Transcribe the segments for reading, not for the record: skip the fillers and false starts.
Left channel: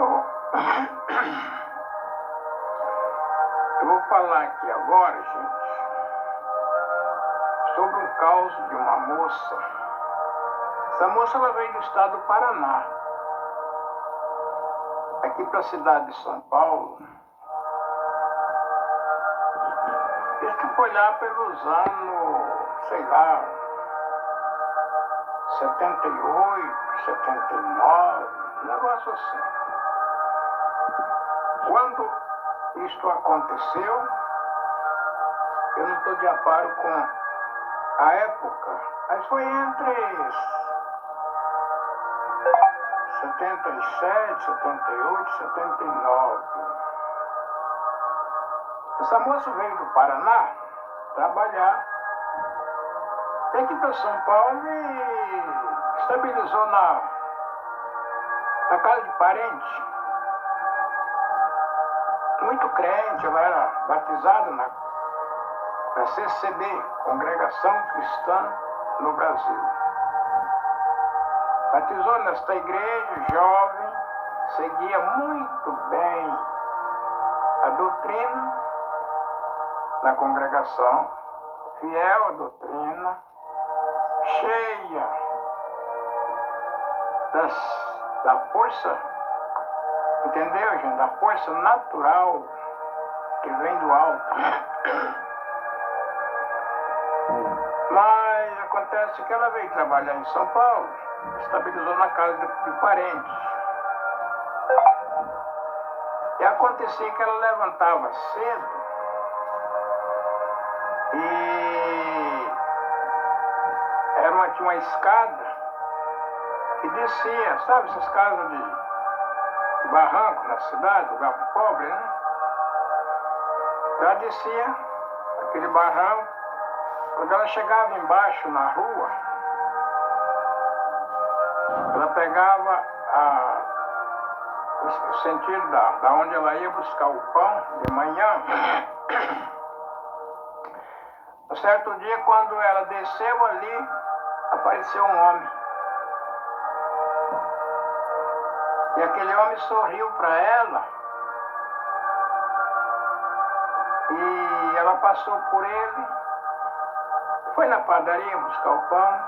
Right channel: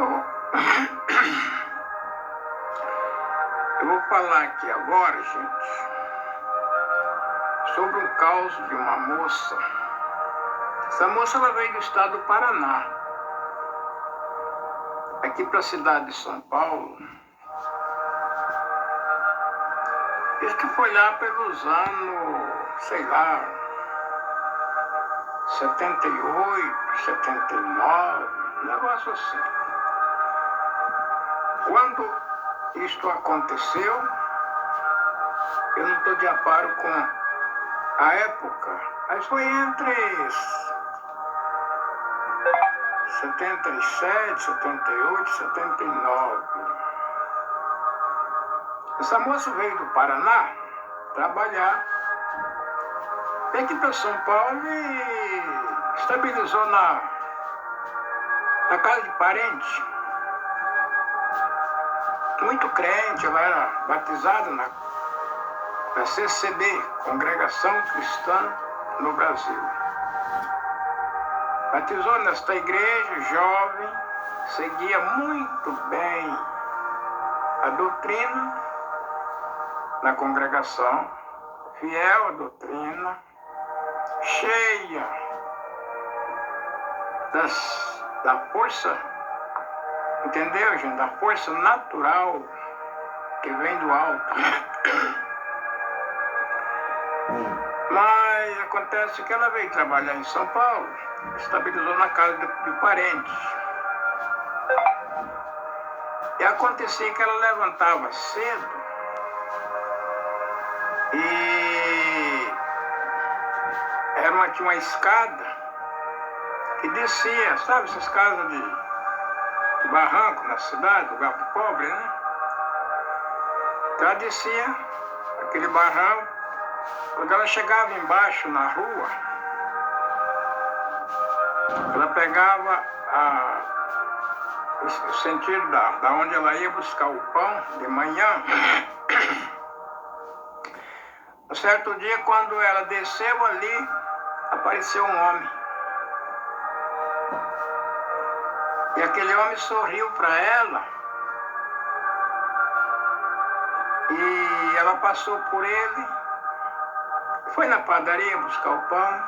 Eu, eu vou falar aqui agora, gente, sobre um caso de uma moça. Essa moça ela veio do estado do Paraná, aqui para a cidade de São Paulo. Diz que foi lá pelos anos, sei lá, 78, 79, um negócio assim. Quando isto aconteceu, eu não estou de aparo com a época, mas foi entre 77, 78, 79. Essa moça veio do Paraná trabalhar, veio aqui para São Paulo e estabilizou na casa de parente. Muito crente, ela era batizada na CCB, Congregação Cristã no Brasil. Batizou nesta igreja, jovem, seguia muito bem a doutrina na congregação, fiel à doutrina, cheia da força, entendeu, gente? Da força natural que vem do alto. Mas acontece que ela veio trabalhar em São Paulo, estabilizou na casa de parentes. E acontecia que ela levantava cedo e tinha uma escada que descia, sabe, essas casas de barranco na cidade, lugar pobre, né? Então ela descia aquele barranco. Quando ela chegava embaixo na rua, ela pegava o sentido da onde ela ia buscar o pão de manhã. Um certo dia, quando ela desceu ali, apareceu um homem. E aquele homem sorriu para ela. E ela passou por ele, foi na padaria buscar o pão.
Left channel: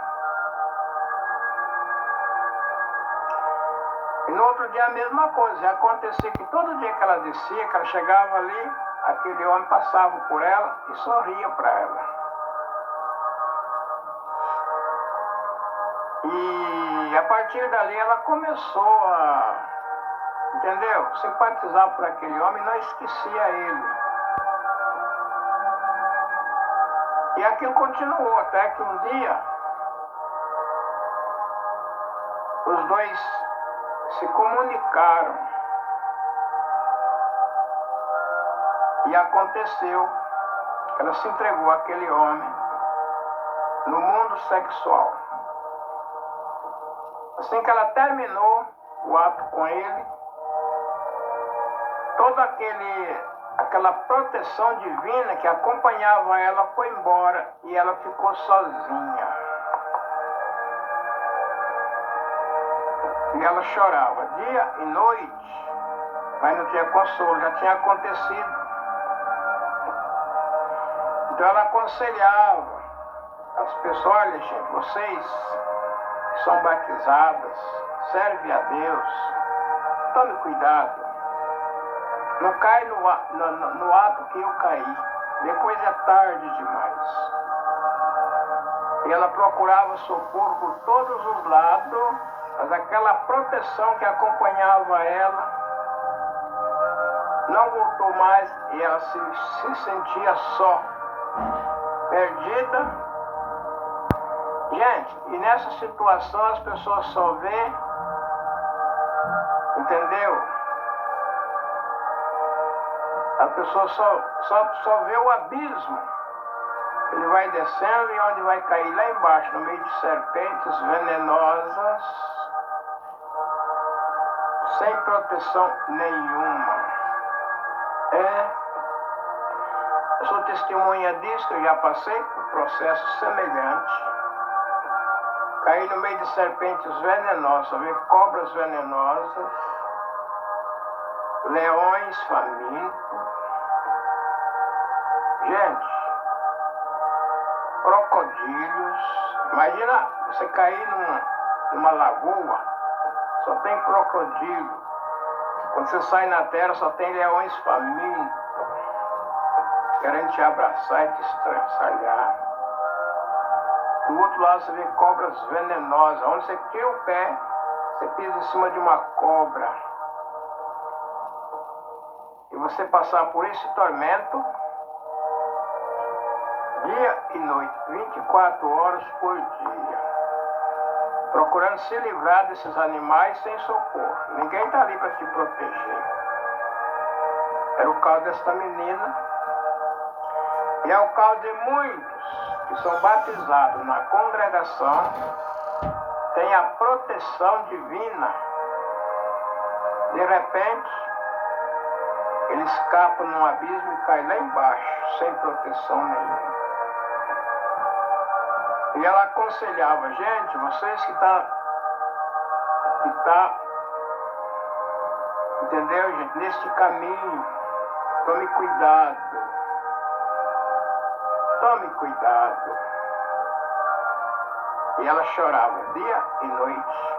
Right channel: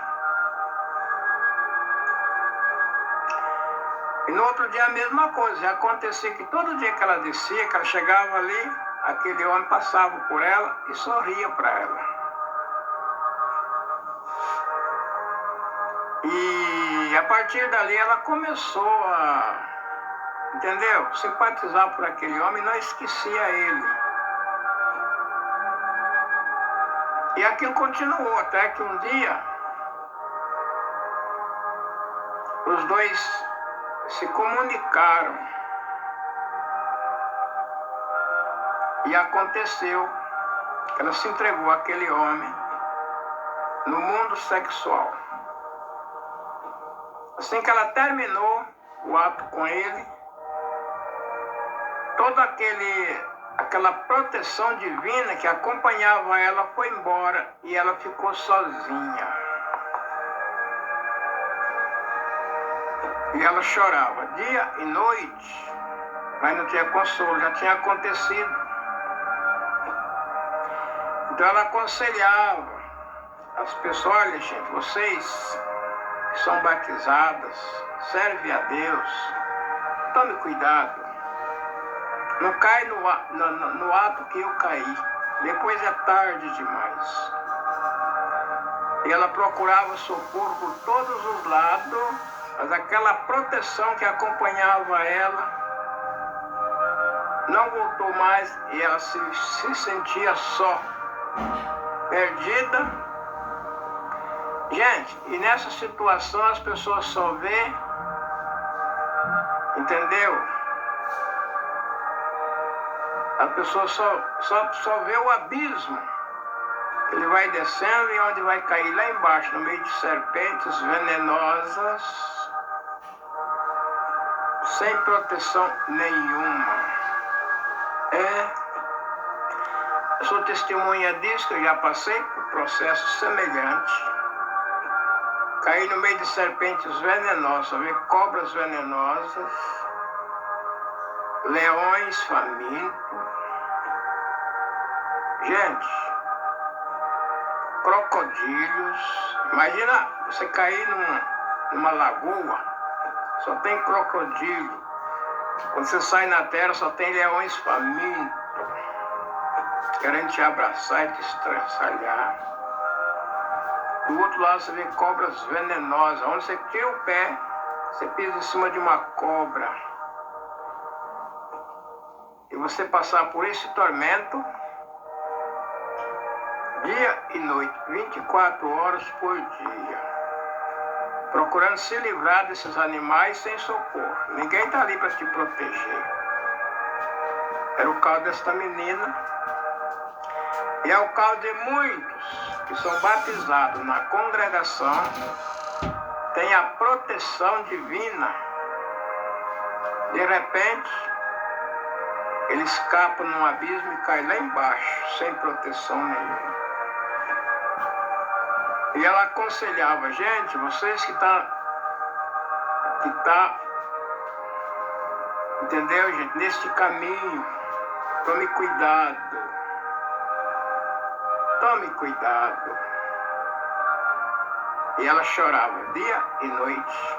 E no outro dia a mesma coisa. Acontecia que todo dia que ela descia, que ela chegava ali, aquele homem passava por ela e sorria para ela. E a partir dali ela começou a, entendeu? Simpatizar por aquele homem e não esquecia ele. E aquilo continuou até que um dia os dois se comunicaram. E aconteceu que ela se entregou àquele homem no mundo sexual. Assim que ela terminou o ato com ele, toda aquela proteção divina que acompanhava ela foi embora e ela ficou sozinha. E ela chorava dia e noite, mas não tinha consolo, já tinha acontecido. Então ela aconselhava as pessoas: olha, gente, vocês que são batizadas, servem a Deus, tome cuidado. Não cai no ato que eu caí. Depois é tarde demais. E ela procurava socorro por todos os lados, mas aquela proteção que acompanhava ela não voltou mais e ela se sentia só, perdida. Gente, e nessa situação as pessoas só vê, entendeu? A pessoa só vê o abismo. Ele vai descendo e onde vai cair lá embaixo, no meio de serpentes venenosas, sem proteção nenhuma. Eu sou testemunha disso, que eu já passei por processo semelhante. Caí no meio de serpentes venenosas, vi cobras venenosas. leões famintos. Gente, crocodilos. Imagina você cair numa lagoa, só tem crocodilo. Quando você sai na terra, só tem leões famintos, querendo te abraçar e te estraçalhar. Do outro lado você vê cobras venenosas. Onde você tira o pé, você pisa em cima de uma cobra. E você passar por esse tormento, dia e noite, 24 horas por dia, procurando se livrar desses animais sem socorro. Ninguém está ali para te proteger. Era o caso desta menina, e é o caso de muitos que são batizados na congregação, têm a proteção divina. De repente, ele escapa num abismo e cai lá embaixo, sem proteção nenhuma. E ela aconselhava: gente, vocês que tá, entendeu, gente, neste caminho, tome cuidado. Tome cuidado. E ela chorava dia e noite.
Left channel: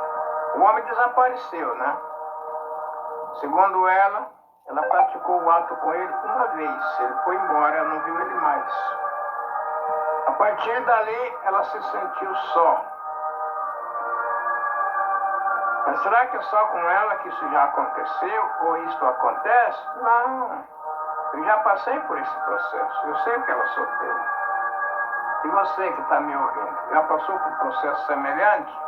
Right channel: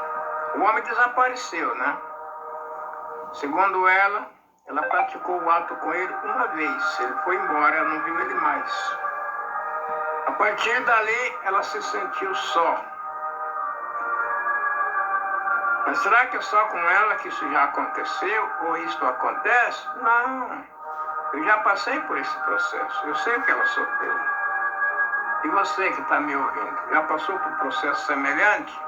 O homem desapareceu, né? Segundo ela praticou o ato com ele uma vez. Ele foi embora, ela não viu ele mais. A partir dali, ela se sentiu só. Mas será que é só com ela que isso já aconteceu? Ou isso acontece? Não. Eu já passei por esse processo. Eu sei que ela sofreu. E você que está me ouvindo, já passou por um processo semelhante?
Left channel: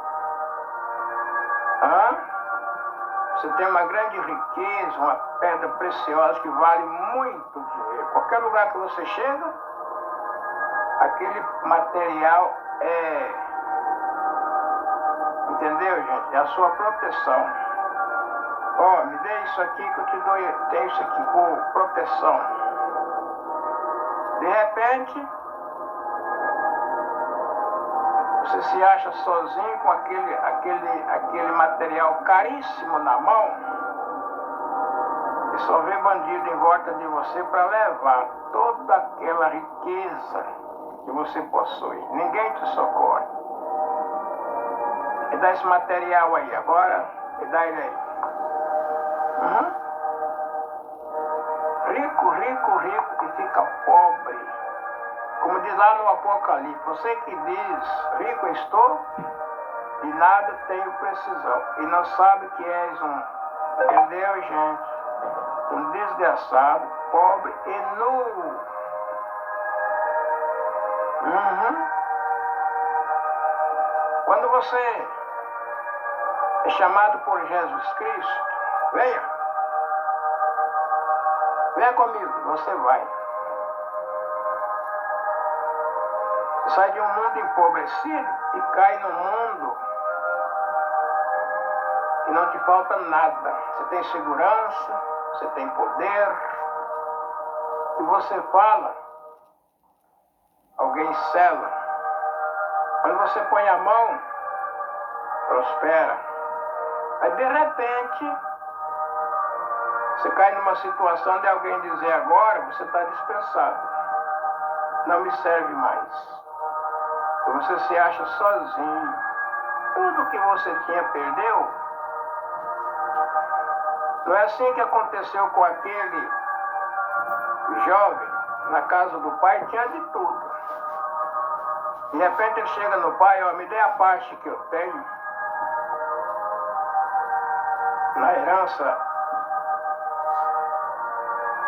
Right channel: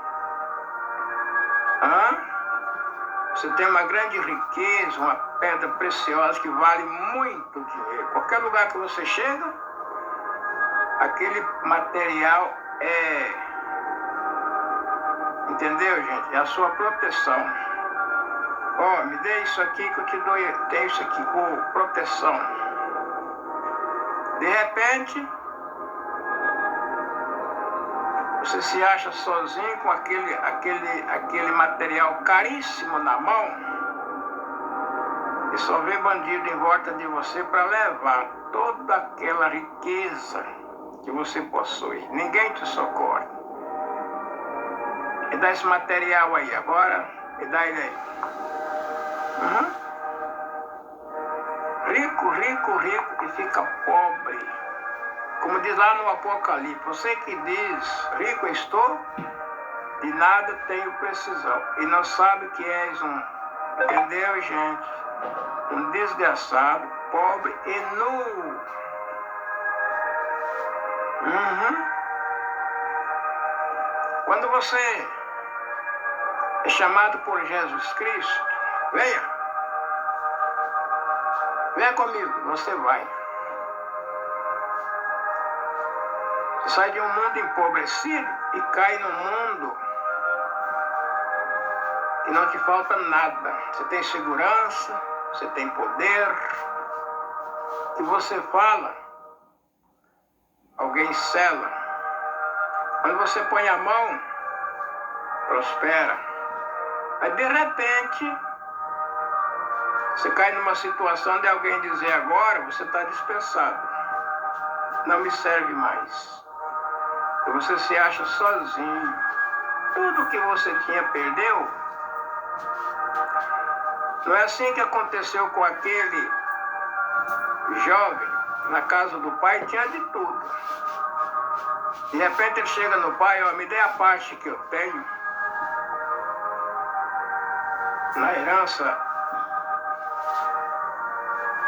Você tem uma grande riqueza, uma pedra preciosa que vale muito dinheiro. Qualquer lugar que você chega, aquele material entendeu, gente? É a sua proteção. Me dê isso aqui que eu te dou, tem isso aqui, proteção. De repente, você se acha sozinho com aquele material caríssimo na mão e só vê bandido em volta de você para levar toda aquela riqueza que você possui. Ninguém te socorre. Me dá esse material aí agora, me dá ele aí. Rico, rico, rico e fica pobre. Como diz lá no Apocalipse, você que diz, rico estou, de nada tenho precisão. E não sabe que és entendeu, gente? Um desgraçado, pobre e nu. Quando você é chamado por Jesus Cristo, venha comigo, você vai. Você sai de um mundo empobrecido e cai num mundo que não te falta nada. Você tem segurança, você tem poder. E você fala, alguém sela. Quando você põe a mão, prospera. Mas de repente, você cai numa situação de alguém dizer: agora você está dispensado, não me serve mais. E você se acha sozinho. Tudo que você tinha perdeu. Não é assim que aconteceu com aquele jovem na casa do pai, tinha de tudo. De repente ele chega no pai: me dê a parte que eu tenho na herança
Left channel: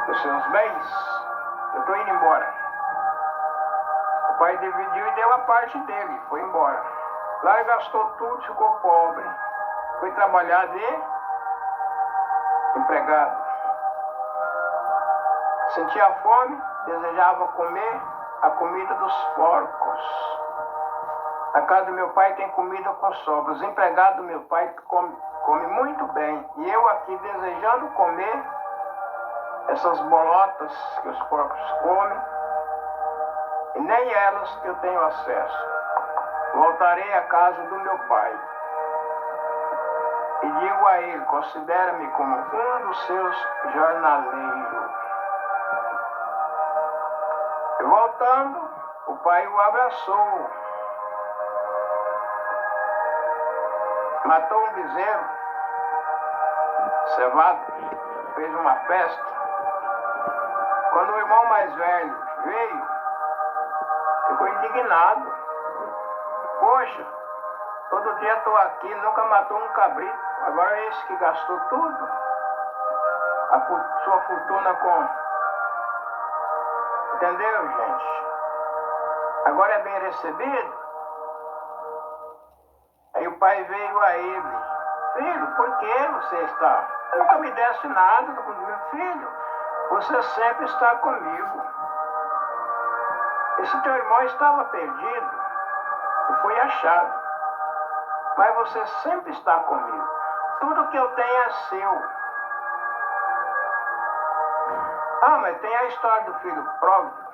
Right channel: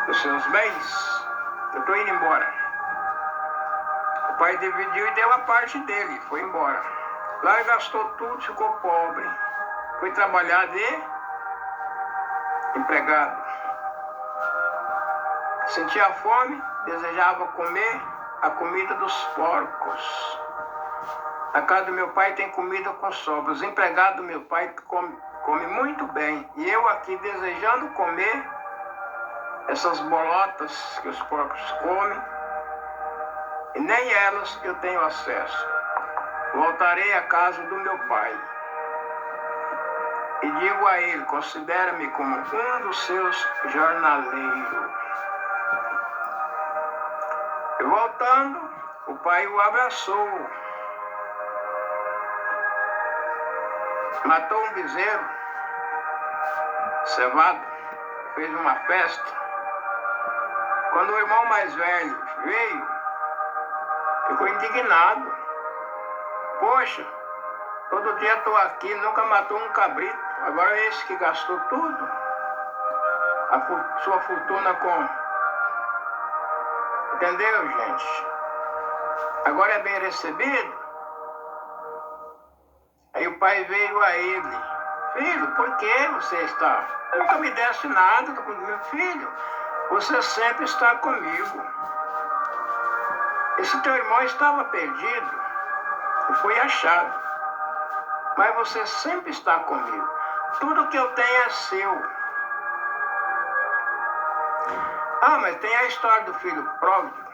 dos seus bens, eu estou indo embora. O pai dividiu e deu a parte dele, foi embora. Lá ele gastou tudo, ficou pobre. Foi trabalhar de empregado. Sentia fome, desejava comer a comida dos porcos. Na casa do meu pai tem comida com sobra. Os empregados do meu pai comem muito bem. E eu aqui desejando comer essas bolotas que os porcos comem, e nem elas eu tenho acesso. Voltarei à casa do meu pai. e digo a ele, considera-me como um dos seus jornaleiros. E voltando, o pai o abraçou, matou um bezerro cevado, fez uma festa. Quando o irmão mais velho veio, ficou indignado. Poxa, todo dia estou aqui, nunca matou um cabrito. Agora é esse que gastou tudo, sua fortuna com... Entendeu, gente? Agora é bem recebido. Aí o pai veio a ele. Filho, por que você está? Nunca me desse nada, meu filho. Você sempre está comigo. Esse teu irmão estava perdido e foi achado. Mas você sempre está comigo. Tudo que eu tenho é seu. Ah, mas tem a história do filho pródigo.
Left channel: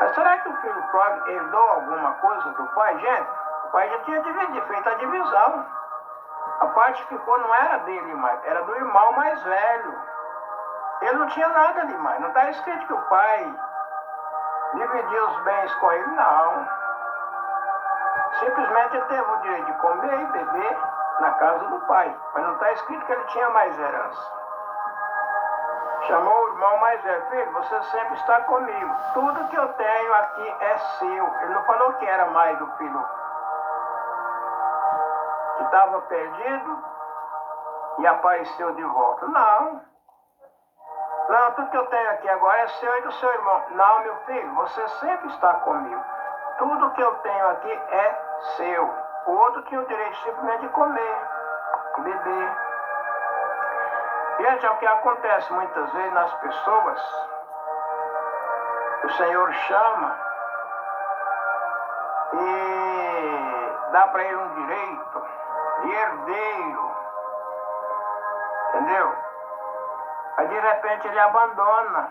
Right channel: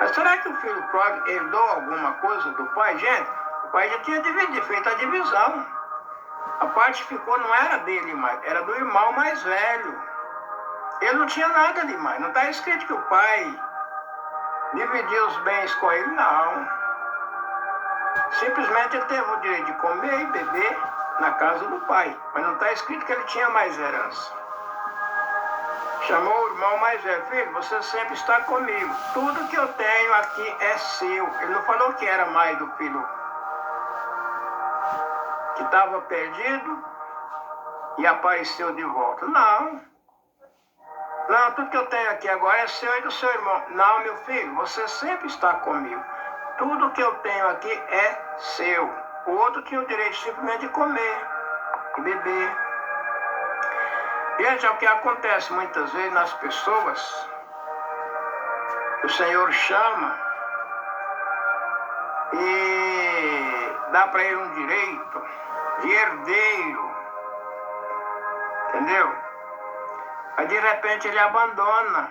Mas será que o filho pródigo herdou alguma coisa do pai? Gente, o pai já tinha feito a divisão. A parte que ficou não era dele mais, era do irmão mais velho. Ele não tinha nada demais. Não está escrito que o pai dividiu os bens com ele, não. Simplesmente ele teve o direito de comer e beber na casa do pai. Mas não está escrito que ele tinha mais herança. Chamou o irmão mais velho. Filho, você sempre está comigo. Tudo que eu tenho aqui é seu. Ele não falou que era mais do filho que estava perdido e apareceu de volta. Não. Não, tudo que eu tenho aqui agora é seu e do seu irmão. Não, meu filho, você sempre está comigo. Tudo que eu tenho aqui é seu. O outro tinha o direito simplesmente de comer e beber. Gente, é o que acontece muitas vezes nas pessoas. O Senhor chama e dá para ele um direito de herdeiro. Entendeu? Aí de repente ele abandona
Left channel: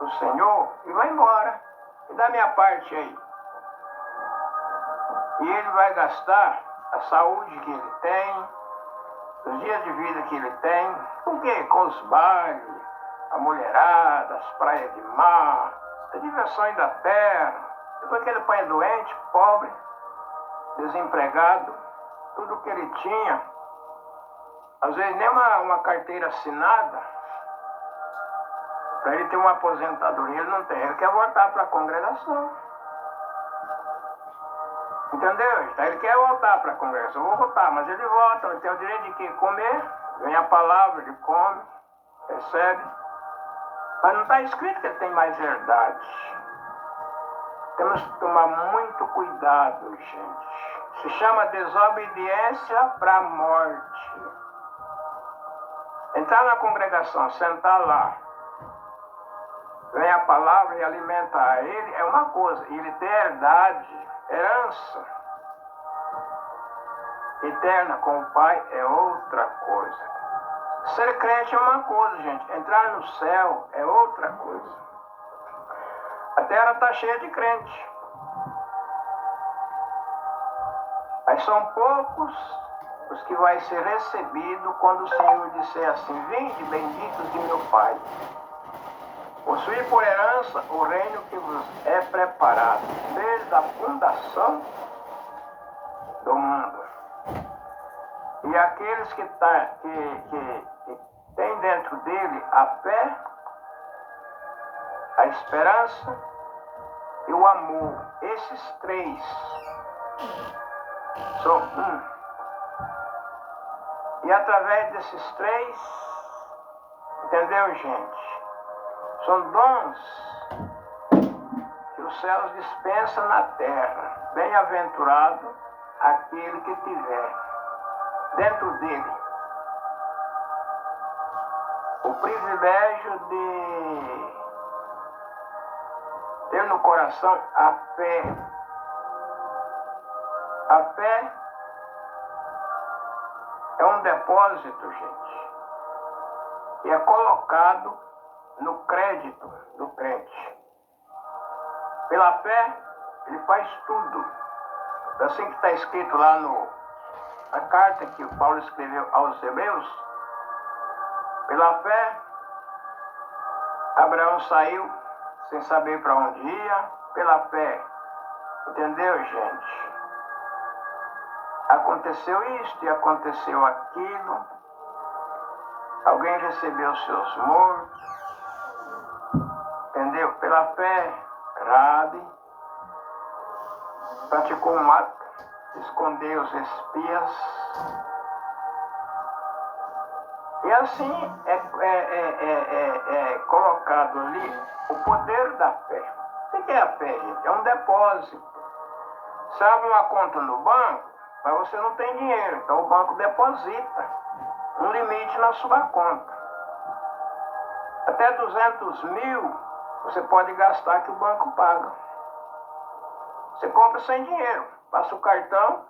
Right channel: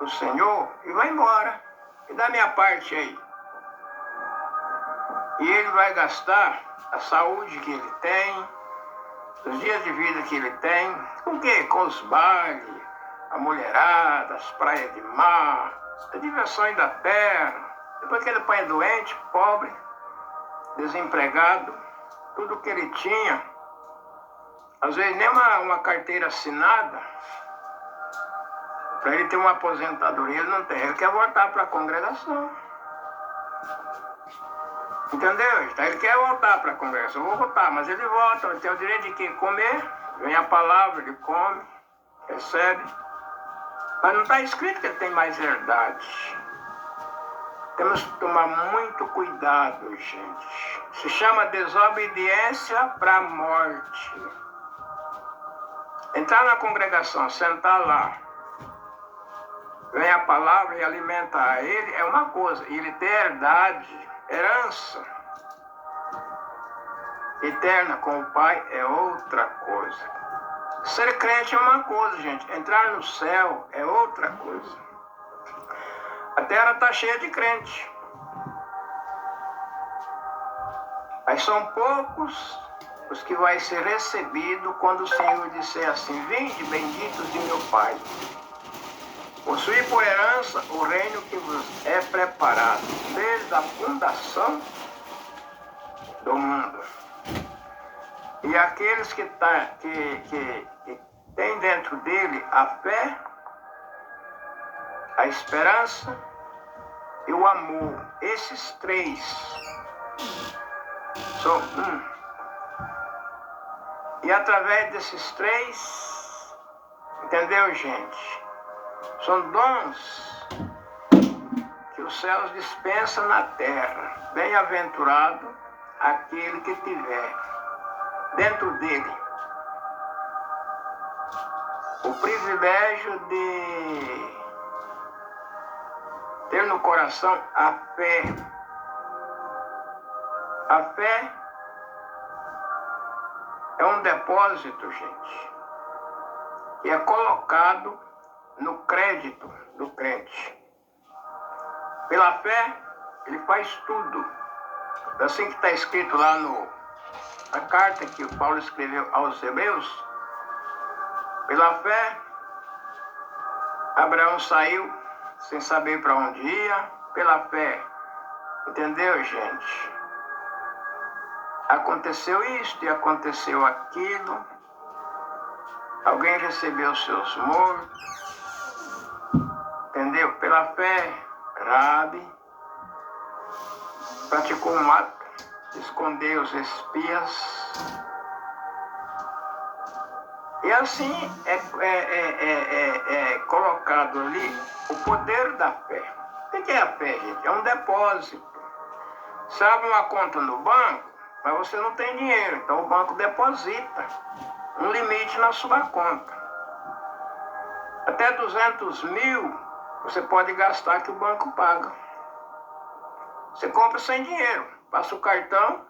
o Senhor e vai embora. E dá minha parte aí. E ele vai gastar a saúde que ele tem, os dias de vida que ele tem, com o quê? Com os bailes, a mulherada, as praias de mar, as diversões da terra. Depois que ele pai é doente, pobre, desempregado, tudo que ele tinha, às vezes nem uma carteira assinada, para ele ter uma aposentadoria, ele não tem. Ele quer voltar para a congregação. Entendeu? Então ele quer voltar para a congregação. Eu vou voltar, mas ele volta. Ele tem o direito de quem comer. Vem a palavra, ele come, recebe. Mas não está escrito que ele tem mais herdade. Temos que tomar muito cuidado, gente. Se chama desobediência para a morte. Entrar na congregação, sentar lá, vem a palavra e alimentar ele é uma coisa. Ele ter herdade, herança eterna com o Pai é outra coisa. Ser crente é uma coisa, gente. Entrar no céu é outra coisa. A terra está cheia de crente. Mas são poucos os que vai ser recebido quando o Senhor disser assim: vinde, benditos de meu Pai. Possuir por herança o reino que vos é preparado desde a fundação do mundo. E aqueles que têm dentro dele a fé, a esperança e o amor, esses três são um. E através desses três, entendeu, gente? São dons que os céus dispensam na terra. Bem-aventurado aquele que tiver dentro dele o privilégio de ter no coração a fé. A fé é um depósito, gente, que é colocado no crédito do crente. Pela fé, ele faz tudo. É assim que está escrito lá no a carta que o Paulo escreveu aos Hebreus, pela fé, Abraão saiu sem saber para onde ia, pela fé. Entendeu, gente? Aconteceu isto e aconteceu aquilo. Alguém recebeu seus mortos. Entendeu? Pela fé, Rabi praticou um ato, escondeu os espias. E assim é colocado ali o poder da fé. O que é a fé, gente? É um depósito. Você abre uma conta no banco, mas você não tem dinheiro. Então o banco deposita um limite na sua conta. Até 200 mil você pode gastar que o banco paga. Você compra sem dinheiro, passa o cartão,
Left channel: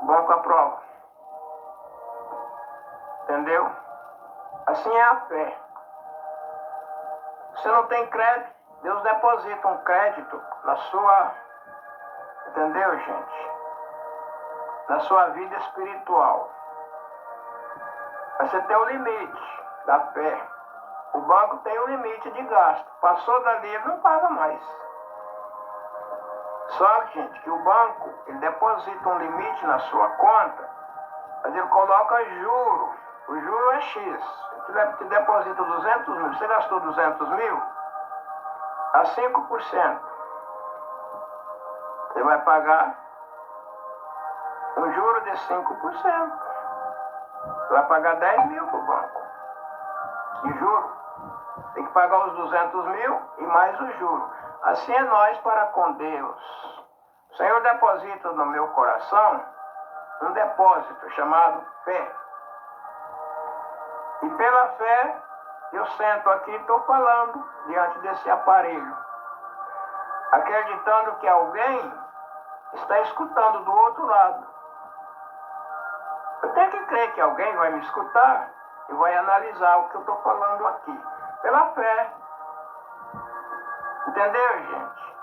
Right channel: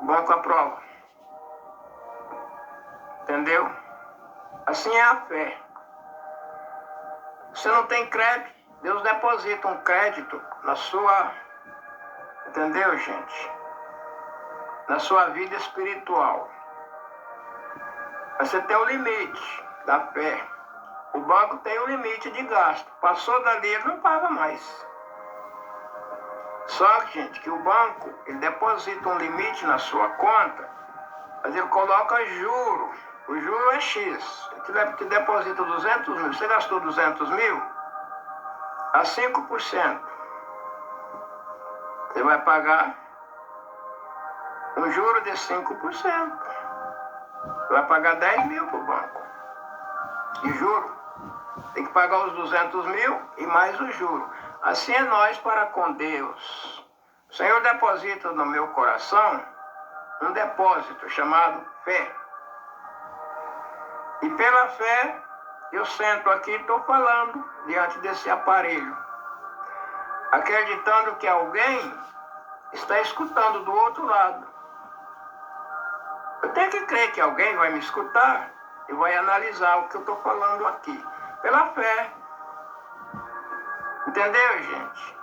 o banco aprova. Entendeu? Assim é a fé. Você não tem crédito, Deus deposita um crédito na sua, entendeu, gente? Na sua vida espiritual. Você tem o limite da fé. O banco tem o limite de gasto. Passou dali, ele não paga mais. Só que, gente, que o banco, ele deposita um limite na sua conta, mas ele coloca juro. O juro é X. Que deposita 200 mil. Você gastou 200 mil? A 5%. Você vai pagar um juro de 5%. Você vai pagar 10 mil para o banco. De juro. Tem que pagar os 200 mil e mais o juro. Assim é nós para com Deus. O Senhor deposita no meu coração um depósito chamado fé. E pela fé, eu sento aqui e estou falando diante desse aparelho, acreditando que alguém está escutando do outro lado. Eu tenho que crer que alguém vai me escutar e vai analisar o que eu estou falando aqui. Pela fé. Entendeu, gente?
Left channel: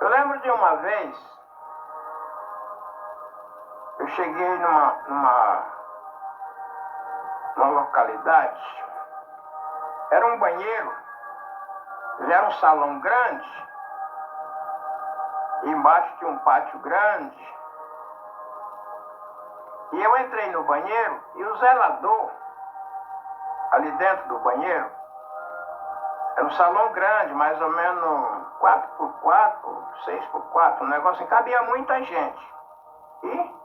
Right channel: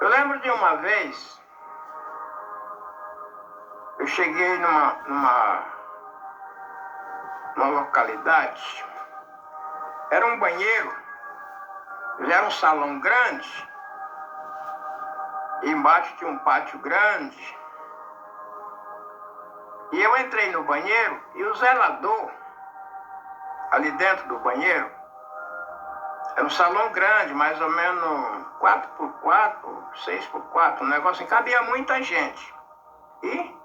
Eu lembro de uma vez, eu cheguei numa localidade, era um banheiro, ele era um salão grande, e embaixo tinha um pátio grande, e eu entrei no banheiro, e o zelador, ali dentro do banheiro, era um salão grande, mais ou menos 4x4, 6x4, um negócio assim, cabia muita gente, e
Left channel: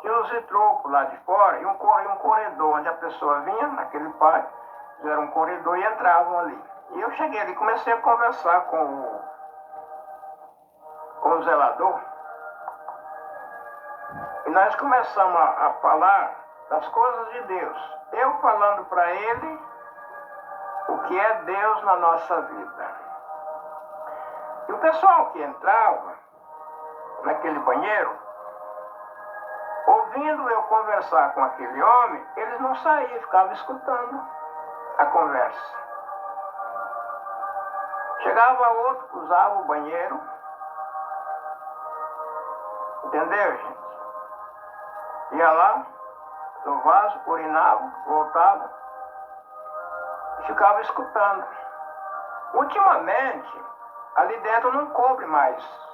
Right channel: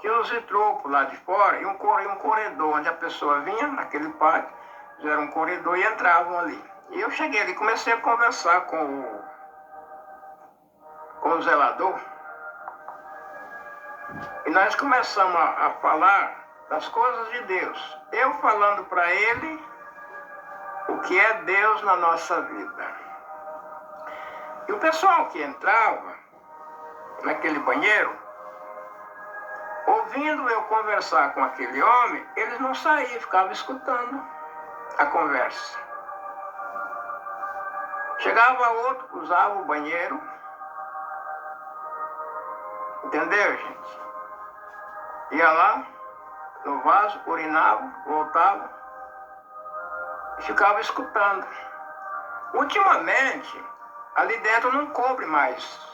tinha uns vitrôs lá de fora e um corredor onde a pessoa vinha, naquele pátio, era um corredor e entravam ali. E eu cheguei ali e comecei a conversar com o zelador. E nós começamos a falar das coisas de Deus. Eu falando para ele o que é Deus na nossa vida. E o pessoal que entrava naquele banheiro, ouvindo eu conversar com aquele homem, eles não saíam, ficavam escutando a conversa. Chegava outro, usava o banheiro. Entendeu, gente? Ia lá, no vaso, urinava, voltava e ficava escutando. Ultimamente, ali dentro não cobre mais.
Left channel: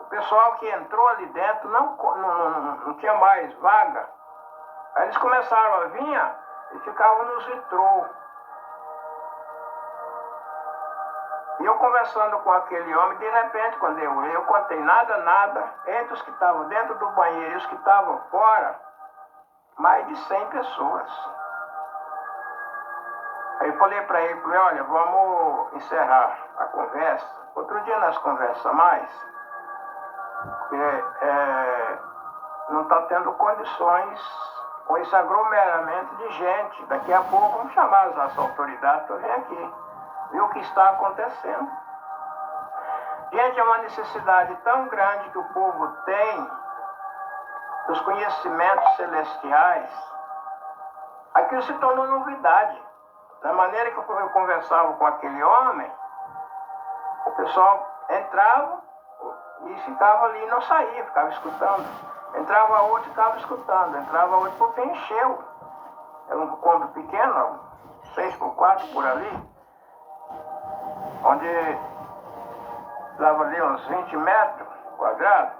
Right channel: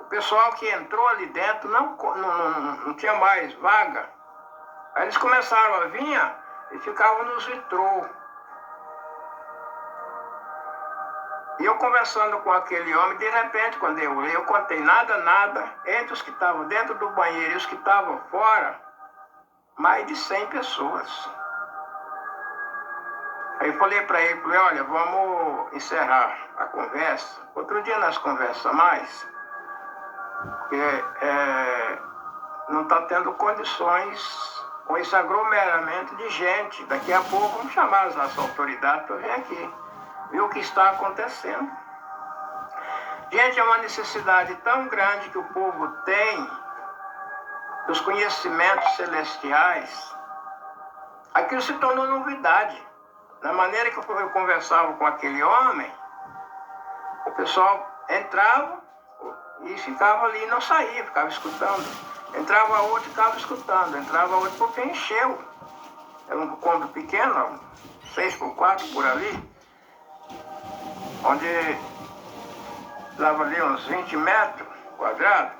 O pessoal que entrou ali dentro não tinha mais vaga. Aí eles começaram a vir e ficavam nos vitrô. E eu conversando com aquele homem, de repente, quando eu contei nada, entre os que estavam dentro do banheiro e os que estavam fora, mais de 100 pessoas. Aí eu falei para ele, olha, vamos encerrar a conversa. Outro dia nós conversamos mais, porque não está tendo condições com esse aglomeramento de gente. Daqui a pouco vamos chamar as autoridades para vir aqui, ver o que está acontecendo. Gente, é uma necessidade tão grande que o povo tem dos conhecimentos celestiais. Aquilo se tornou novidade. Da maneira que eu conversava com aquele homem, o pessoal entrava, e ficava ali, não saía, ficava escutando. Entrava outro e ficava escutando, entrava outro porque encheu. Era um cômodo pequeno, 6x4 por ali, onde dava ali uns 20 metros quadrados.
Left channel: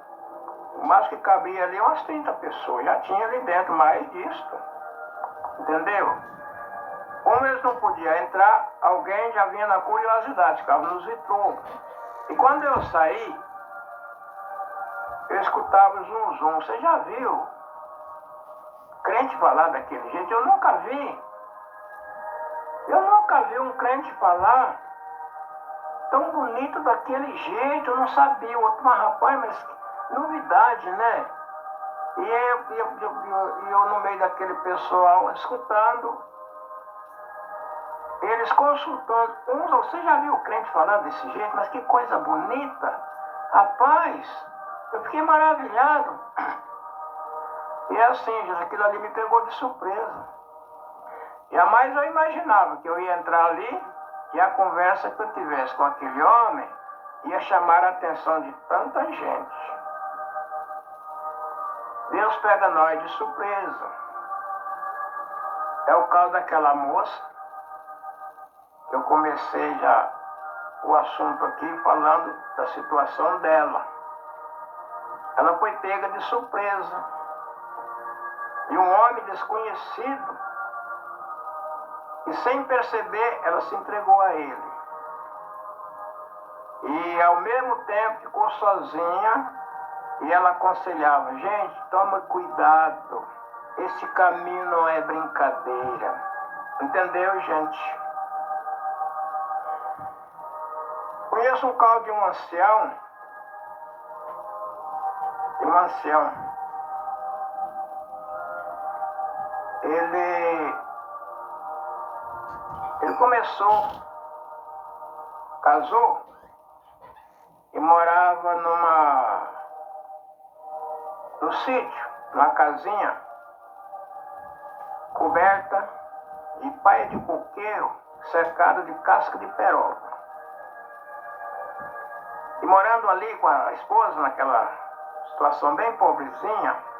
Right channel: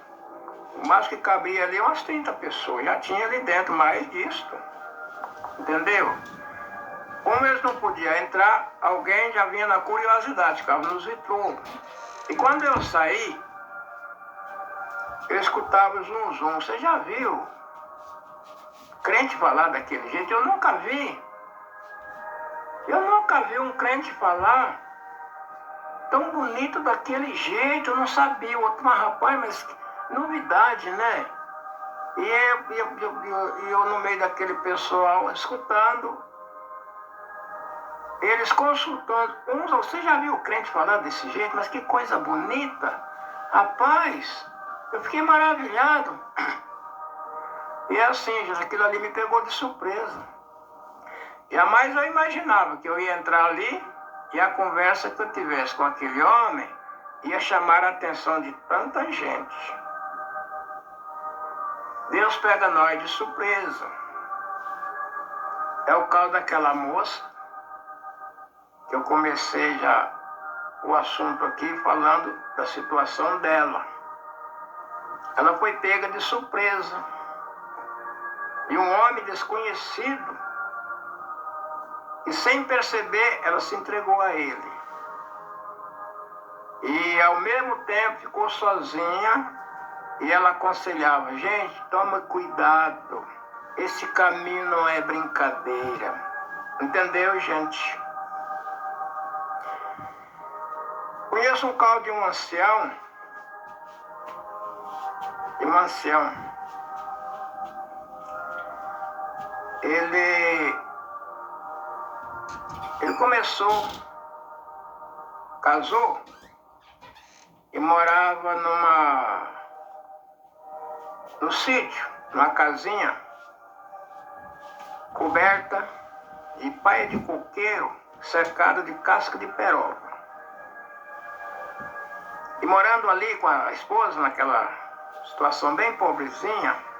O mais que cabia ali umas 30 pessoas, já tinha ali dentro mais disso, entendeu? Como eles não podiam entrar, alguém já vinha na curiosidade, ficava nos vitrôs. E quando eu saí, eu escutava o zum zum. Você já viu crente falar daquele jeito? Eu nunca vi. Eu nunca vi um crente falar tão bonito daquele jeito. Eu não sabia. O outro, mas rapaz, mas novidade, né? E eu no meio daquele pessoal escutando, eles consultando uns. Você já viu o crente falar desse jeito? Mas que coisa bonita. Rapaz, eu fiquei maravilhado. E assim, gente, aquilo ali me pegou de surpresa. Jamais eu imaginava que eu ia entrar ali e a conversa que eu tivesse com aquele homem ia chamar a atenção de tanta gente. Deus pega nós de surpresa. É o caso daquela moça, que eu comecei já o assunto aqui falando da situação dela. Ela foi pega de surpresa. E um homem desconhecido, e sem perceber, ela se entregou a ele. E ao mesmo tempo ficou sozinha, e ela aconselhava: gente, toma cuidado, esse caminho não é brincadeira. Entendeu, gente? Conheço um caso de um ancião, ele começou, casou e morava no sítio, numa casinha coberta de paia de coqueiro, cercada de casca de peroba. E morando ali com a esposa, naquela situação bem pobrezinha,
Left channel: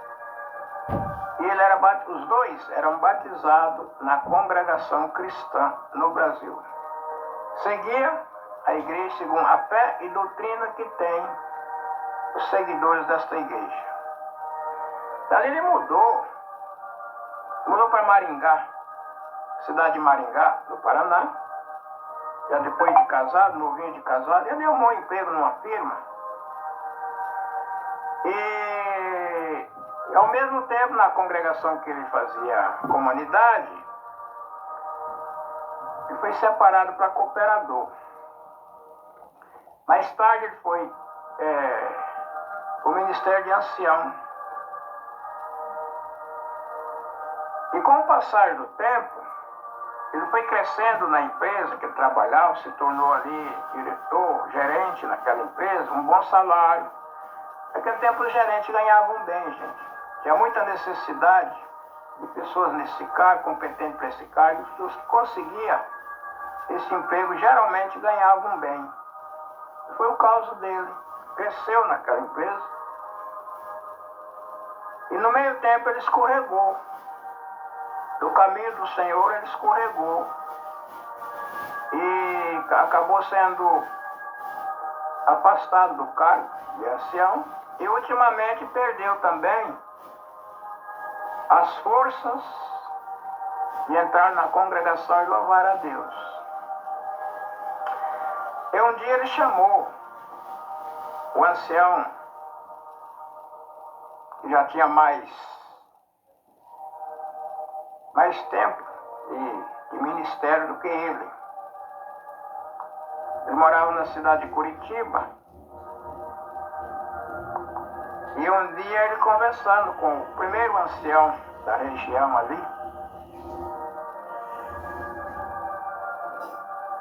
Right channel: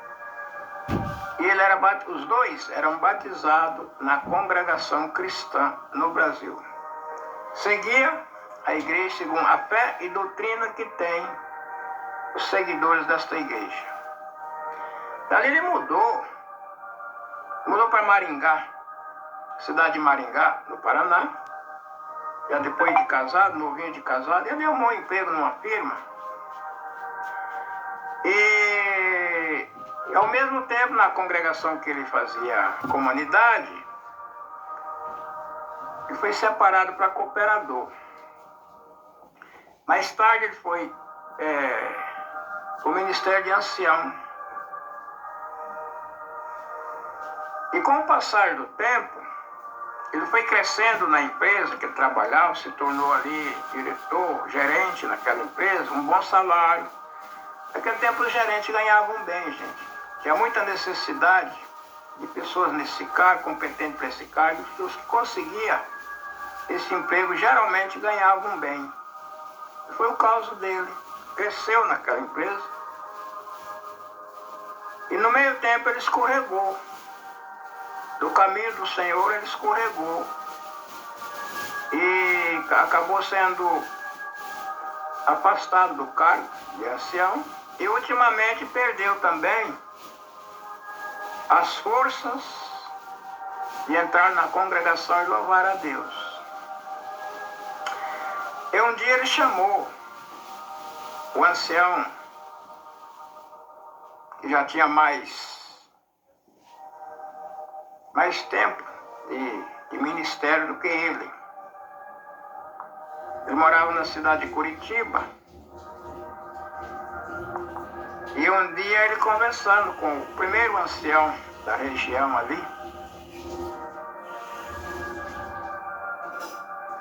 e os dois eram batizados na congregação cristã no Brasil. Seguia a igreja segundo a fé e doutrina que tem os seguidores desta igreja. Dali ele mudou para Maringá, cidade de Maringá, no Paraná. Já depois de casado, novinho de casado, ele arrumou um emprego numa firma. E ao mesmo tempo, na congregação que ele fazia comunidade, ele foi separado para cooperador. Mais tarde ele foi para o Ministério de Ancião. E com o passar do tempo, ele foi crescendo na empresa que ele trabalhava, se tornou ali diretor, gerente naquela empresa, um bom salário. Naquele tempo os gerentes ganhavam bem, gente. Tinha muita necessidade de pessoas nesse cargo, competentes para esse cargo, e os que conseguiam esse emprego geralmente ganhavam bem. E foi o caso dele. Cresceu naquela empresa. E no meio tempo ele escorregou. Do caminho do Senhor ele escorregou. E acabou sendo afastado do cargo de ancião. E ultimamente perdeu também as forças de entrar na congregação e louvar a Deus. E um dia ele chamou o ancião, que já tinha mais tempo de ministério do que ele. Ele morava na cidade de Curitiba. E um dia ele conversando com o primeiro ancião da região ali,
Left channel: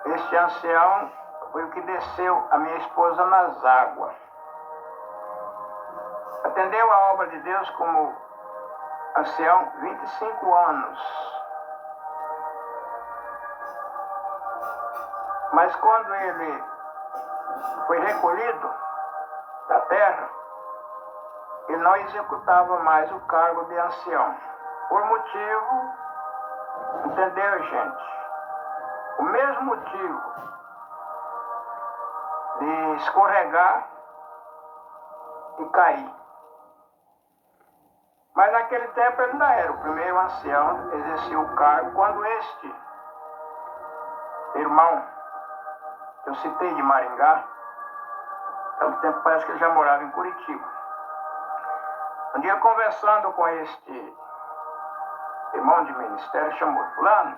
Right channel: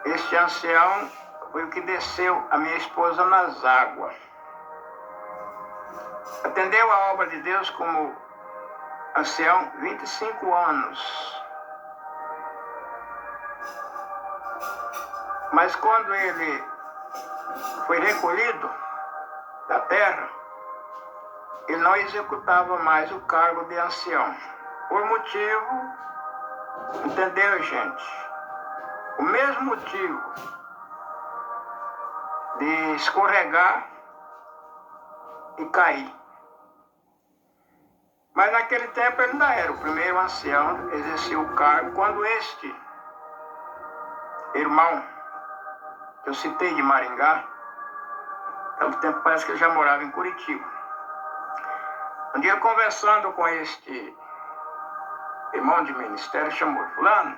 este ancião foi o que desceu a minha esposa nas águas. Atendeu a obra de Deus como ancião 25 anos. Mas quando ele foi recolhido da terra, ele não executava mais o cargo de ancião. Por motivo, entendeu, gente? O mesmo motivo de escorregar e cair. Mas naquele tempo ele ainda era o primeiro ancião, exercia o cargo, quando este irmão, que eu citei de Maringá, tanto tempo parece que ele já morava em Curitiba. Um dia conversando com este irmão de ministério, chamou fulano.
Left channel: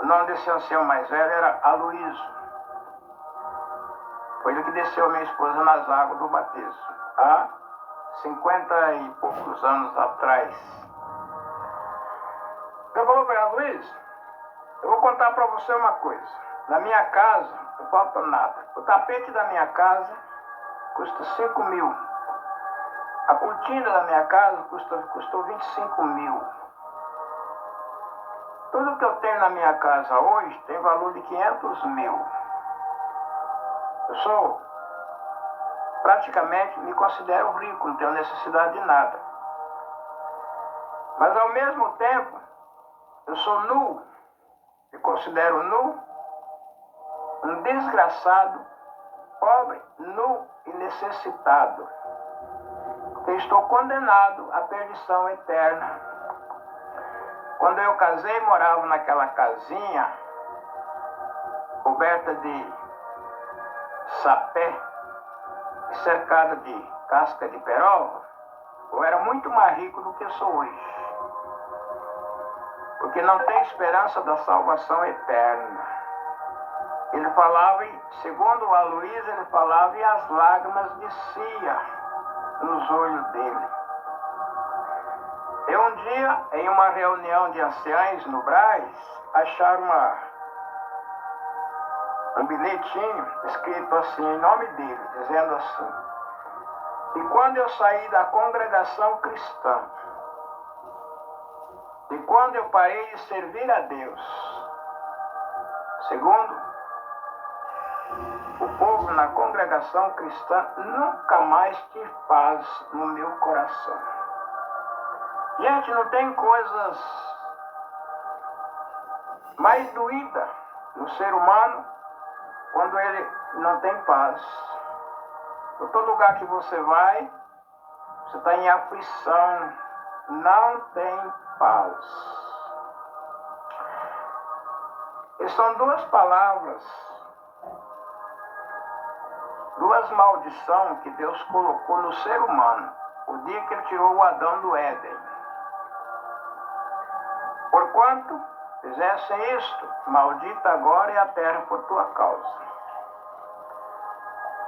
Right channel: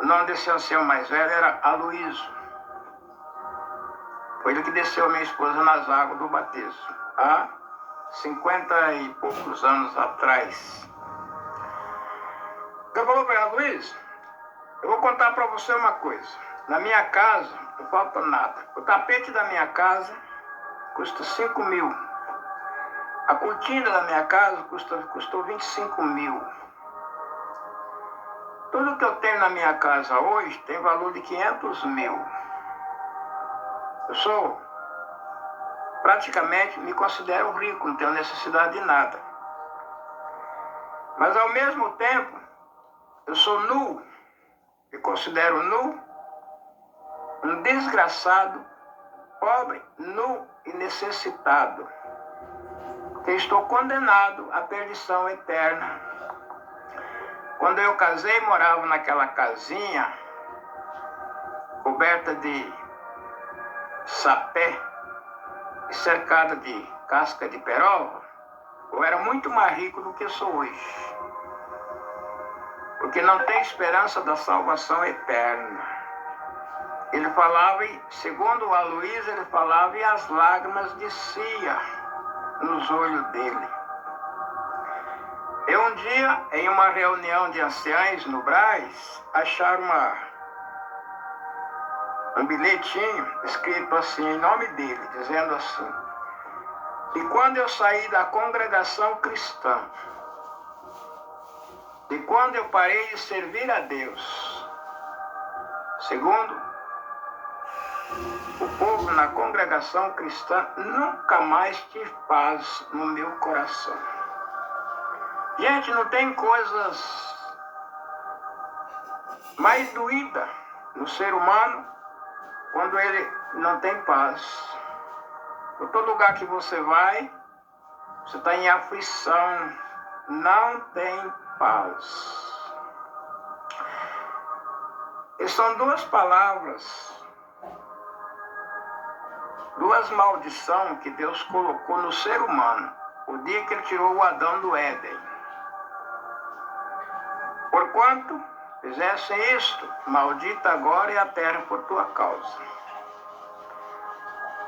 O nome desse ancião mais velho era Aloísio. Foi ele que desceu a minha esposa nas águas do batismo, há 50 e poucos anos atrás. Eu falei para ele: Luiz, eu vou contar para você uma coisa. Na minha casa não falta nada. O tapete da minha casa custa 5 mil. A cortina da minha casa custou 25 mil. Tudo que eu tenho na minha casa hoje tem valor de 500 mil. Eu sou, praticamente, me considero rico, não tenho necessidade de nada. Mas ao mesmo tempo, eu sou nu, me considero nu, um desgraçado, pobre, nu e necessitado, que estou condenado à perdição eterna. Quando eu casei, morava naquela casinha coberta de sapé, cercada de casca de peroba. Eu era muito mais rico do que sou hoje, porque não tem esperança da salvação eterna. Ele falava, segundo o Aloísio, ele falava e as lágrimas desciam nos olhos dele. Eu um dia, em uma reunião de anciães no Brás, acharam um bilhetinho escrito assim, em nome dele, dizendo assim: e quando eu saí da congregação cristã, e quando eu parei de servir a Deus, segundo o povo na congregação cristã, nunca mais tive paz no meu coração. Gente, não tem coisas mais doídas no ser humano quando ele não tem paz. Por todo lugar que você vai, você está em aflição, não tem paz. E são duas palavras, duas maldições que Deus colocou no ser humano, o dia que ele tirou o Adão do Éden. Porquanto fizessem isto, maldita agora é a terra por tua causa.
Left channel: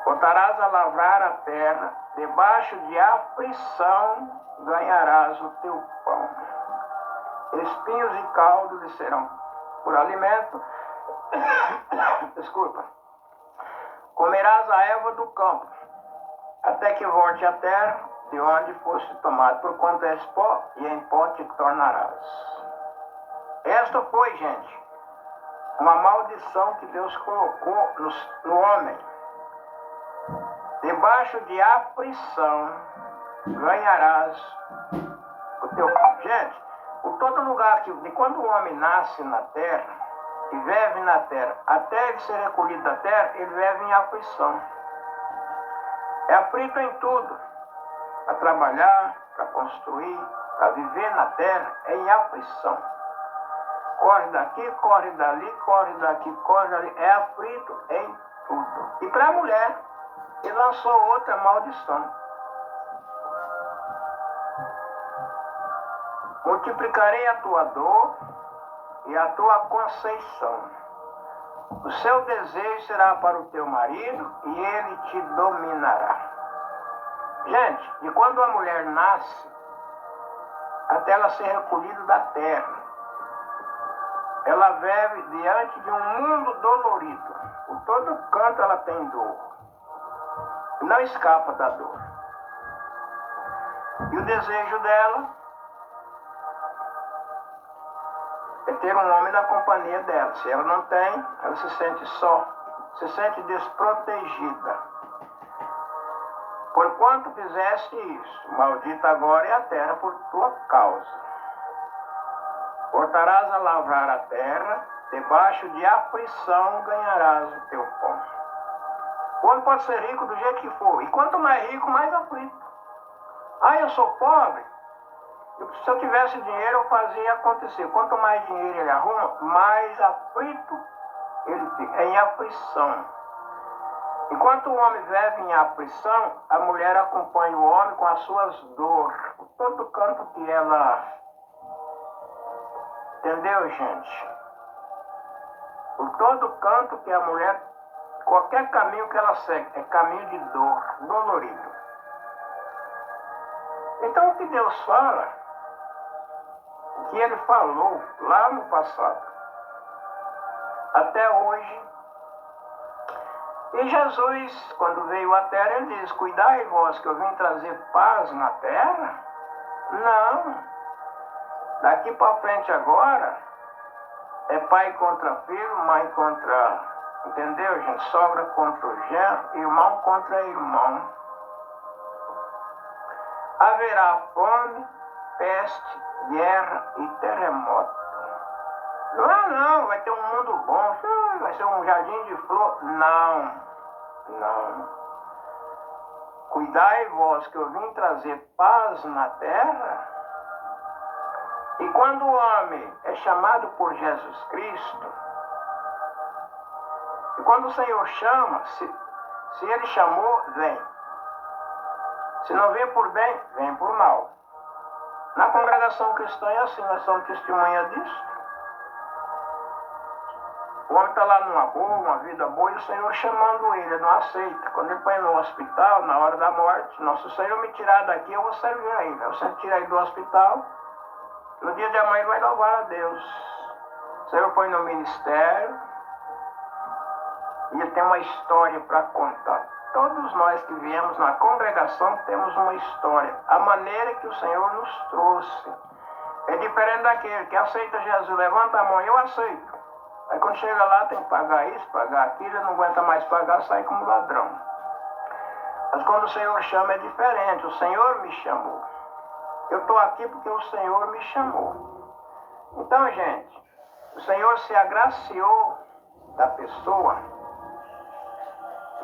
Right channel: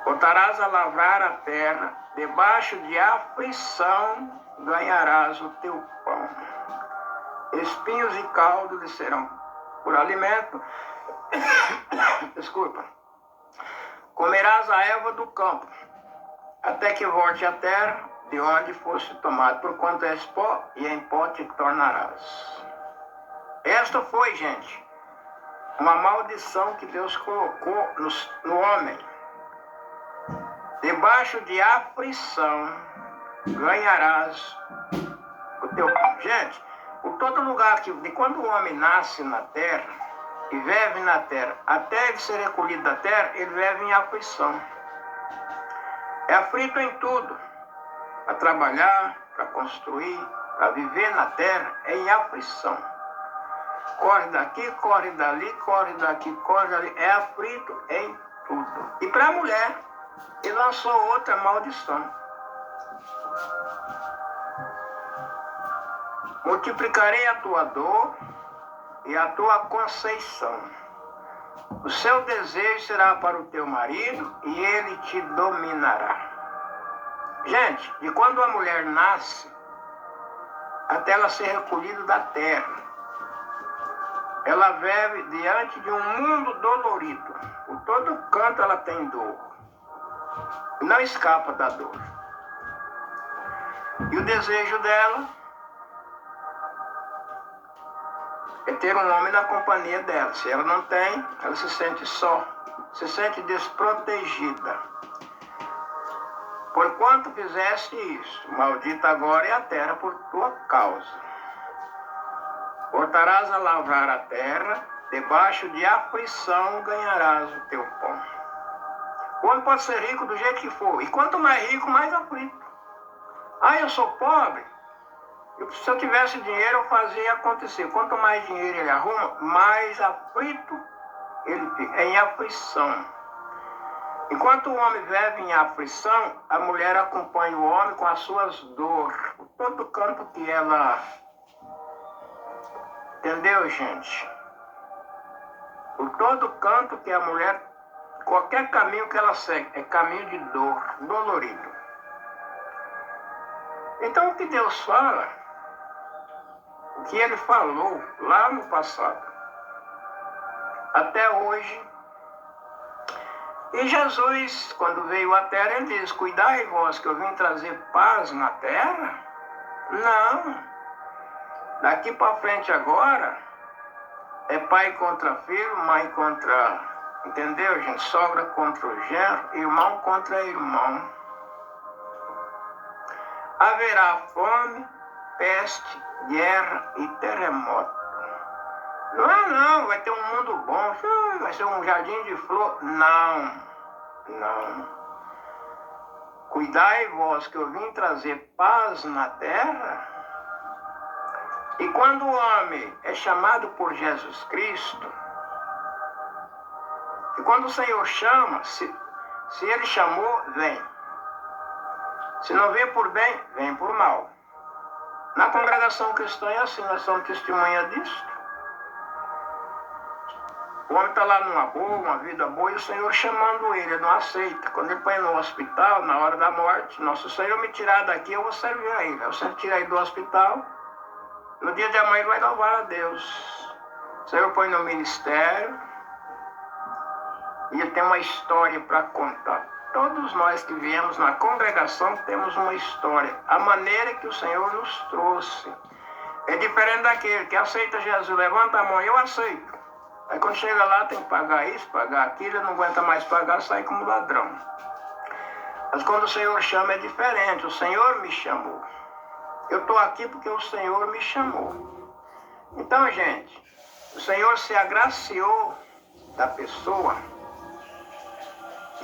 Botarás a lavrar a terra, debaixo de aflição ganharás o teu pão. Espinhos e caldo lhe serão por alimento. Desculpa. Comerás a erva do campo, até que volte a terra de onde foste tomado, porquanto és pó, e em pó te tornarás. Esta foi, gente, uma maldição que Deus colocou no homem. Debaixo de aflição ganharás o teu pão. Gente, por todo lugar de quando o homem nasce na terra e vive na terra, até ele ser recolhido da terra, ele vive em aflição. É aflito em tudo. Para trabalhar, para construir, para viver na terra, é em aflição. Corre daqui, corre dali, corre daqui, corre dali. É aflito em tudo. E para a mulher, ele lançou outra maldição. Multiplicarei a tua dor e a tua conceição. O seu desejo será para o teu marido e ele te dominará. Gente, e quando a mulher nasce, até ela ser recolhida da terra, ela vive diante de um mundo dolorido. Por todo canto ela tem dor. Não escapa da dor. E o desejo dela é ter um homem na companhia dela. Se ela não tem, ela se sente só, se sente desprotegida. Porquanto fizeste isso, maldita agora é a terra por tua causa. Voltarás a lavrar a terra, debaixo de aflição ganharás o teu pão. O homem pode ser rico do jeito que for, e quanto mais rico, mais aflito. Ah, eu sou pobre. Se eu tivesse dinheiro, eu fazia acontecer. Quanto mais dinheiro ele arruma, mais aflito ele fica. É em aflição. Enquanto o homem vive em aflição, a mulher acompanha o homem com as suas dores. Por todo canto que ela... Entendeu, gente? Por todo canto que a mulher... Qualquer caminho que ela segue é caminho de dor, dolorido. Então o que Deus fala, o que Ele falou lá no passado, até hoje. E Jesus, quando veio à terra, Ele diz, cuidai vós que eu vim trazer paz na terra? Não. Daqui para frente agora, é pai contra filho, mãe contra... Entendeu, gente? Sogra contra o genro, irmão contra irmão. Haverá fome, peste, guerra e terremoto. Não, vai ter um mundo bom, vai ser um jardim de flor. Não. Cuidai vós que eu vim trazer paz na terra. E quando o homem é chamado por Jesus Cristo, e quando o Senhor chama, se Ele chamou, vem. Se não vem por bem, vem por mal. Na congregação cristã é assim, nós somos testemunha disso. O homem está lá numa boa, uma vida boa, e o Senhor chamando ele não aceita. Quando ele põe no hospital, na hora da morte, nossa, se o Senhor me tirar daqui, eu vou servir a ele. Aí o Senhor tira ele do hospital, no dia de amanhã ele vai louvar a Deus. O Senhor põe no ministério, e ele tem uma história para contar. Todos nós que viemos na congregação temos uma história. A maneira que o Senhor nos trouxe é diferente daquele que aceita Jesus. Levanta a mão, eu aceito. Aí quando chega lá tem que pagar isso, pagar aquilo, ele não aguenta mais pagar, sai como ladrão. Mas quando o Senhor chama é diferente. O Senhor me chamou. Eu estou aqui porque o Senhor me chamou. Então, gente, o Senhor se agraciou da pessoa.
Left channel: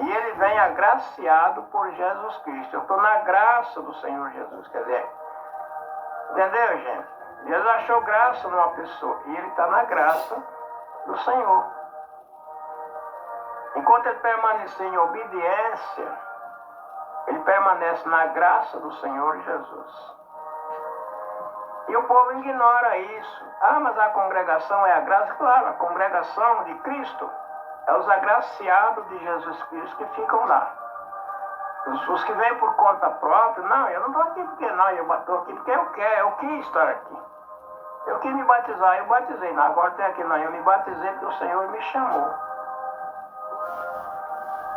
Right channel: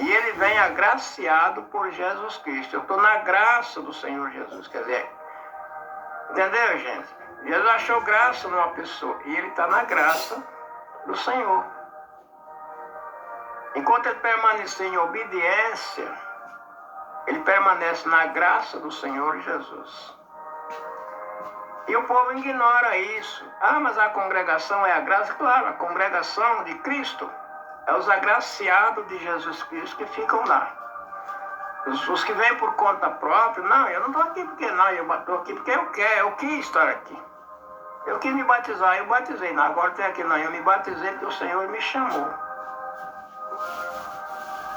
E ele vem agraciado por Jesus Cristo. Eu estou na graça do Senhor Jesus. Quer dizer, entendeu, gente? Jesus achou graça numa pessoa. E ele está na graça do Senhor. Enquanto ele permanecer em obediência, ele permanece na graça do Senhor Jesus. E o povo ignora isso. Ah, mas a congregação é a graça? Claro, a congregação de Cristo é os agraciados de Jesus Cristo que ficam lá. Os que vêm por conta própria, não, eu não estou aqui porque não, eu estou aqui porque eu quis estar aqui. Eu quis me batizar, eu batizei. Não, agora tem aqui, não, eu me batizei porque o Senhor me chamou.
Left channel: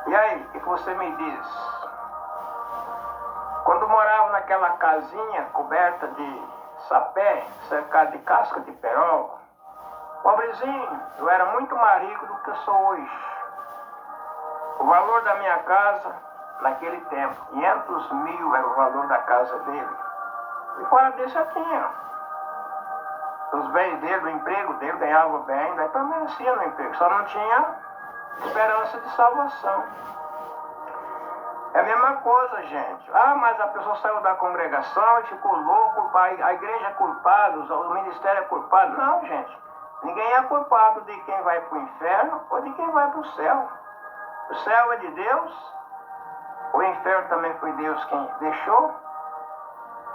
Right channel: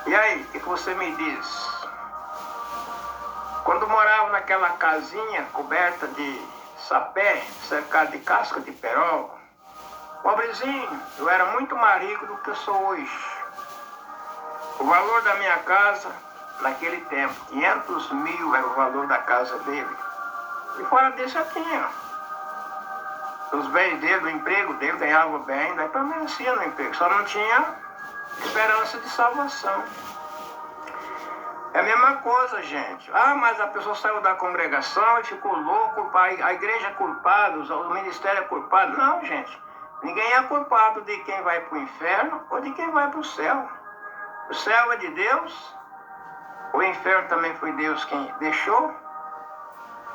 E aí, o que você me diz? Quando morava naquela casinha coberta de sapé, cercada de casca de peroba, pobrezinho, eu era muito mais rico do que eu sou hoje. O valor da minha casa, naquele tempo, 500 mil era o valor da casa dele. E fora disso eu tinha os bens dele, o emprego dele, ganhava bem, daí permanecia no emprego, só não tinha esperança de salvação. É a mesma coisa, gente. Ah, mas a pessoa saiu da congregação e ficou louco, a igreja é culpada, o ministério é culpado. Não, gente. Ninguém é culpado de quem vai para o inferno ou de quem vai para o céu. O céu é de Deus, o inferno também foi Deus quem deixou,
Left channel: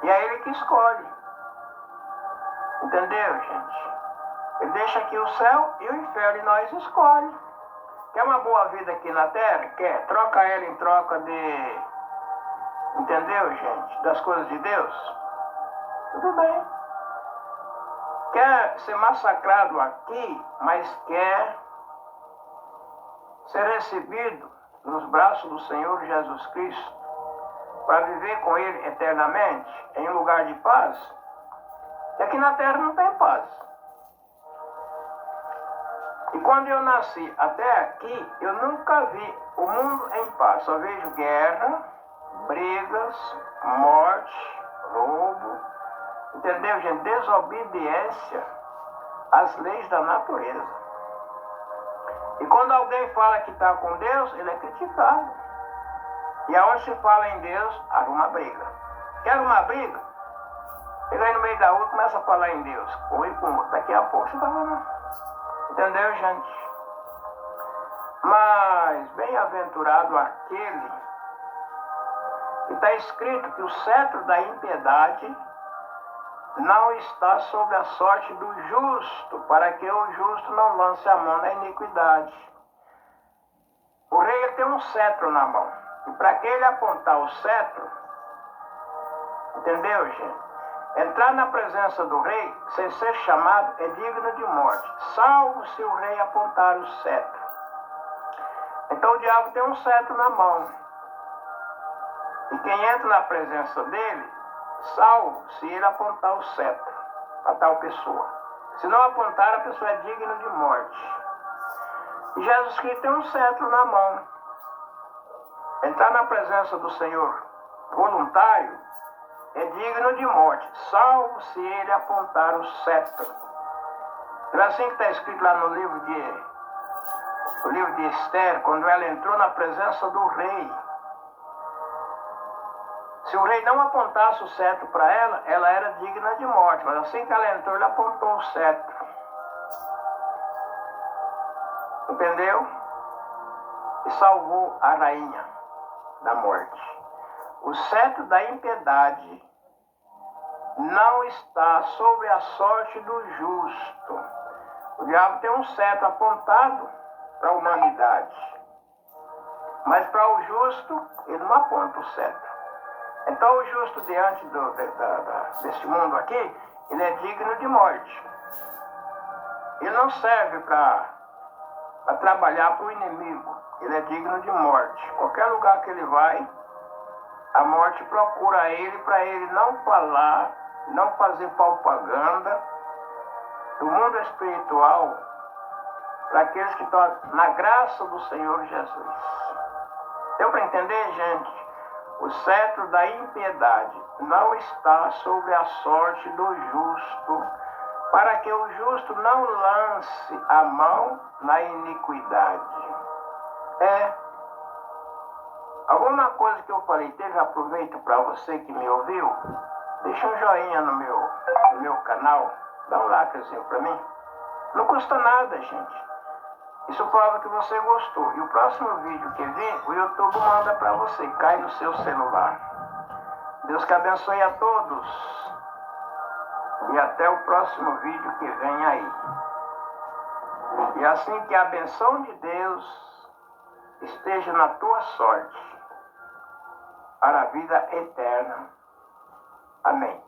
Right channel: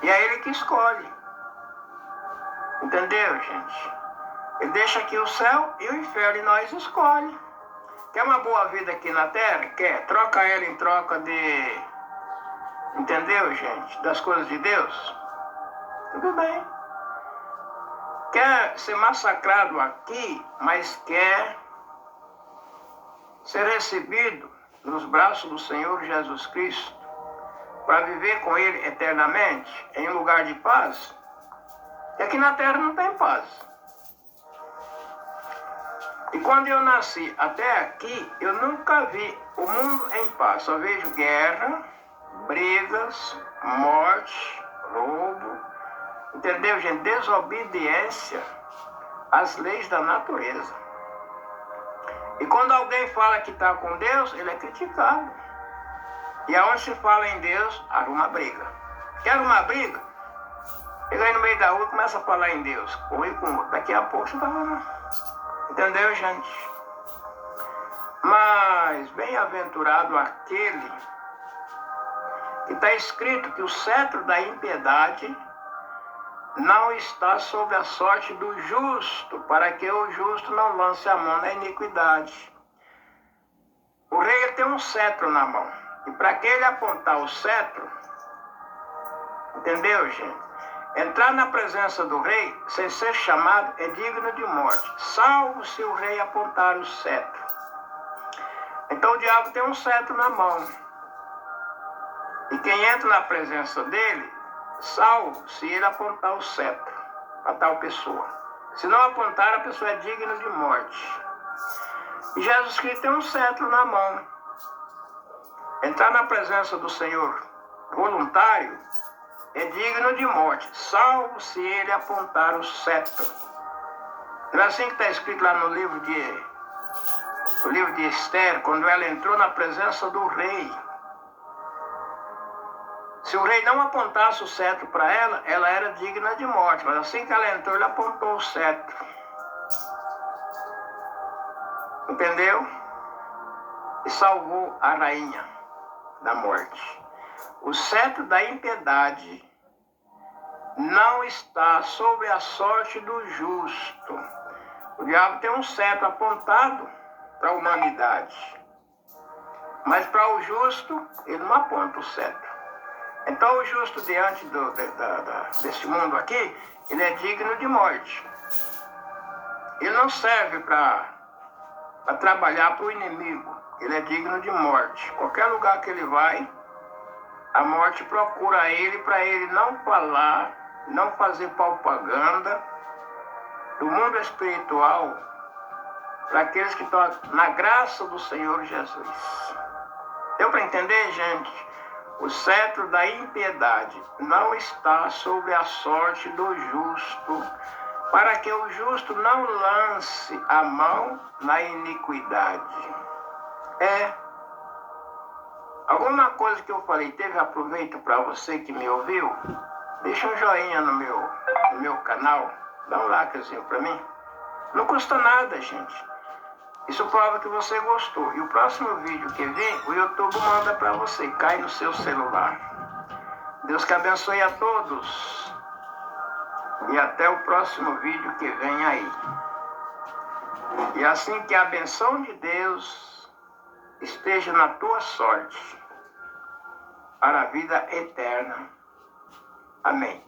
e é Ele que escolhe. Entendeu, gente? Ele deixa aqui o céu e o inferno, e nós escolhe. Quer uma boa vida aqui na terra? Quer? Troca ela em troca de... Entendeu, gente? Das coisas de Deus? Tudo bem. Quer ser massacrado aqui, mas quer ser recebido nos braços do Senhor Jesus Cristo para viver com Ele eternamente em um lugar de paz? E aqui na terra não tem paz. E quando eu nasci até aqui, eu nunca vi o mundo em paz. Só vejo guerra, brigas, morte, roubo, entendeu, gente? Desobediência às leis da natureza. E quando alguém fala que está com Deus, ele é criticado. E aonde se fala em Deus, arruma briga. Quer arrumar briga? Chega aí no meio da rua e começa a falar em Deus. Corre com outro. Daqui a pouco você está lá. Entendeu, gente? Mas bem-aventurado aquele que está escrito que o cetro da impiedade não está sobre a sorte do justo, para que o justo não lance a mão na iniquidade. O rei ele tem um cetro na mão. E para que ele apontar o cetro, entendeu, gente? Entrar na presença do rei, sem ser chamado, é digno de morte, salvo se o rei apontar o cetro. Então o diabo tem um cetro na mão. E quem entra na presença dele, salvo se ele apontar o cetro para tal pessoa. Se não apontar, a pessoa é digna de morte. E Jesus Cristo tem um cetro na mão. Entrar na presença do Senhor voluntário é digno de morte, salvo se ele apontar o cetro. Não é assim que está escrito lá no livro de Esther, quando ela entrou na presença do rei. Se o rei não apontasse o cetro para ela, ela era digna de morte. Mas assim que ela entrou, ele apontou o cetro. Entendeu? E salvou a rainha da morte. O cetro da impiedade não está sobre a sorte do justo. O diabo tem um cetro apontado para a humanidade. Mas para o justo, ele não aponta o cetro. Então o justo diante desse mundo aqui, ele é digno de morte. Ele não serve para trabalhar para o inimigo. Ele é digno de morte. Qualquer lugar que ele vai, a morte procura ele para ele não falar, não fazer propaganda do mundo espiritual para aqueles que estão na graça do Senhor Jesus. Deu para entender, gente? O cetro da impiedade não está sobre a sorte do justo, para que o justo não lance a mão na iniquidade. Alguma coisa que eu falei teve aproveito para você que me ouviu? Deixa um joinha no meu canal, dá um likezinho para mim. Não custa nada, gente. Isso prova que você gostou. E o próximo vídeo que vem, o YouTube manda para você, cai no seu celular. Deus que abençoe a todos. E até o próximo vídeo que vem aí. E assim que a benção de Deus esteja na tua sorte, para a vida eterna. Amém.